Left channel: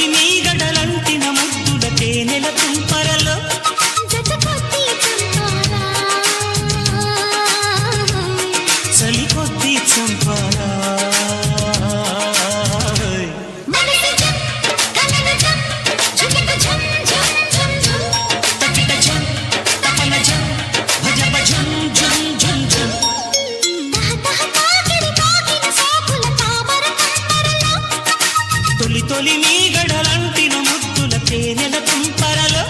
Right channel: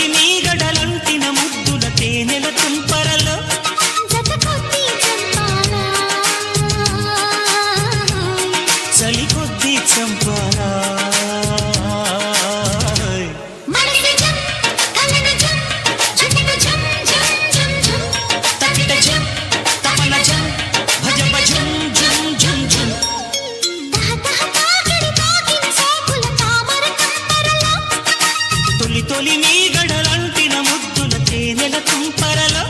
తొలి మీగడలంటిన ముద్దుల తేనెల తుంపరలో చలి కొద్దీ చంపాలా తకిట జం తపన జం భజ భజం జం జం జం తొలి తొలి మీగడలంటిన ముద్దుల తేనెల తుంపరలో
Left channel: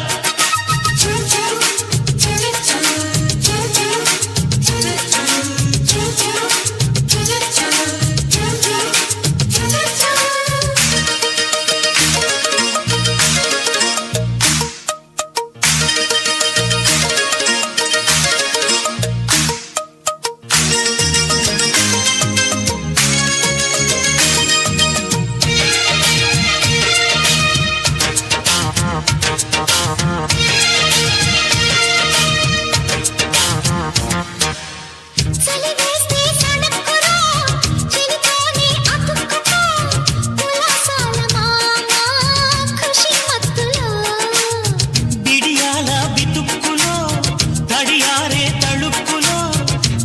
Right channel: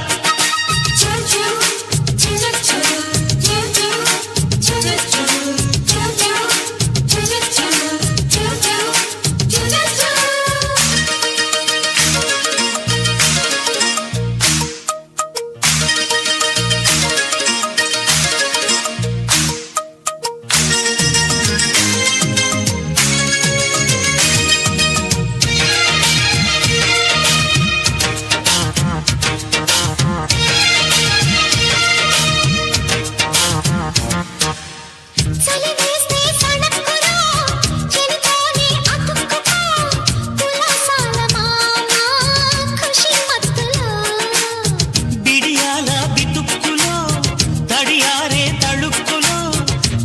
తడియారే తళుక్కులో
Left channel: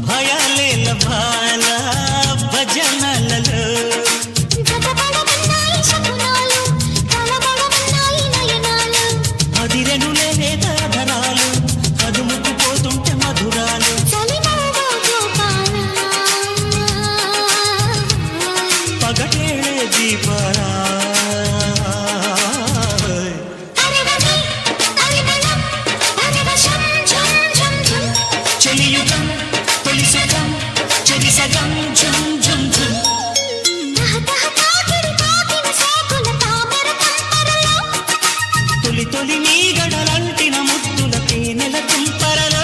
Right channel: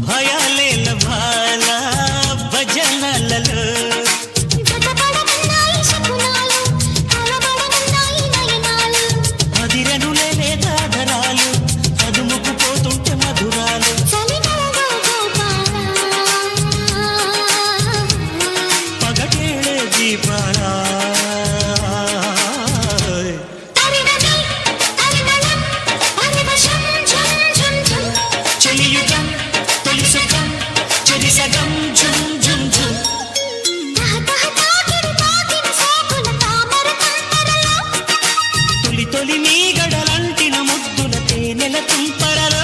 భయాలేల బాల భజనలలో అదిరెనులే లేదాధరాలు అదుముకుపోతుంటే మధురాలు పగటేళే దీపాలా చెలియుగం తొలి సుఖం చెరి సగం ఝుం ఝుం ఝుం తొలి తొలి మీగడలంటిన ముద్దుల తేనెల తుంపరలో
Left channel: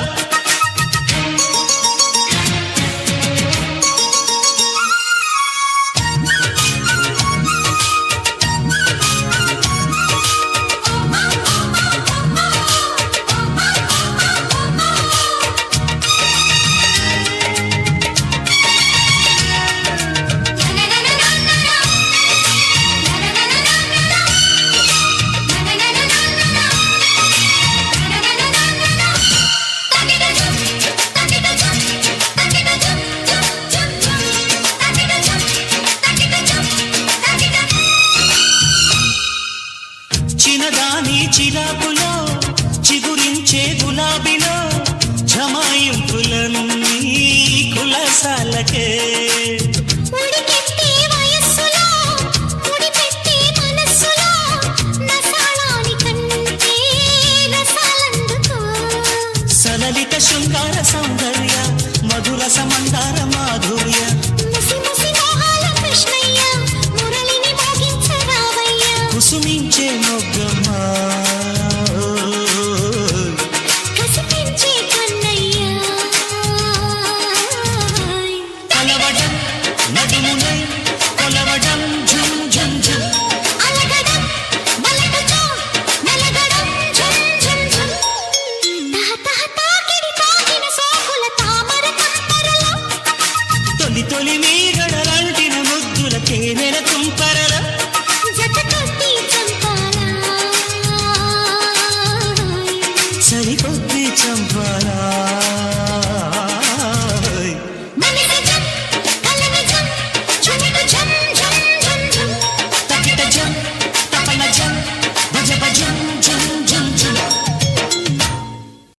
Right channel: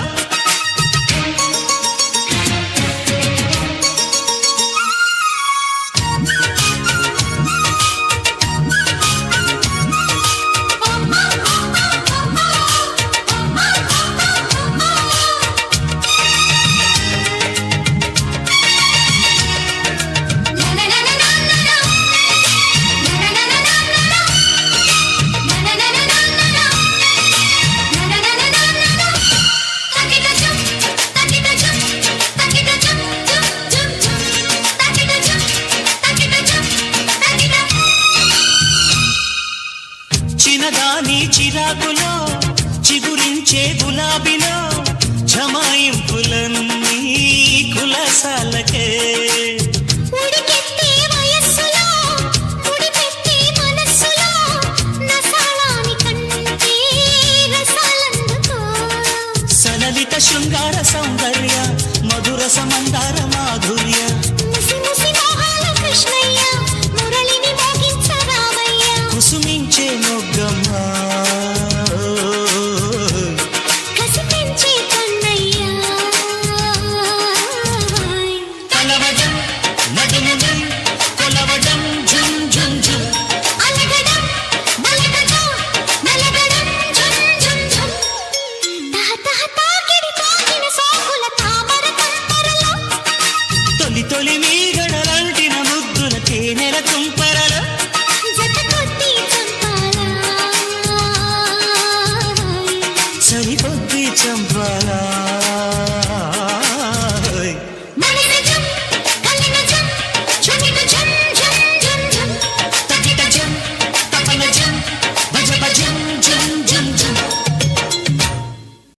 చిన్నదాని చిరాకులో చిగురించే గులాబీలో జమాయింపులన్నీ కులసాలకే సలలిత శృంగార సౌందర్య మధుర సమందార మాధుర్య కుసుమించే మొగ్గమ్మ కలవడం నడుమునై కొలవడం ఝుం ఝుం ఝుం తొలి తొలి మీగడలంటిన ముద్దుల తేనెల తుంపరలో చలి కొద్దీ చంపాలా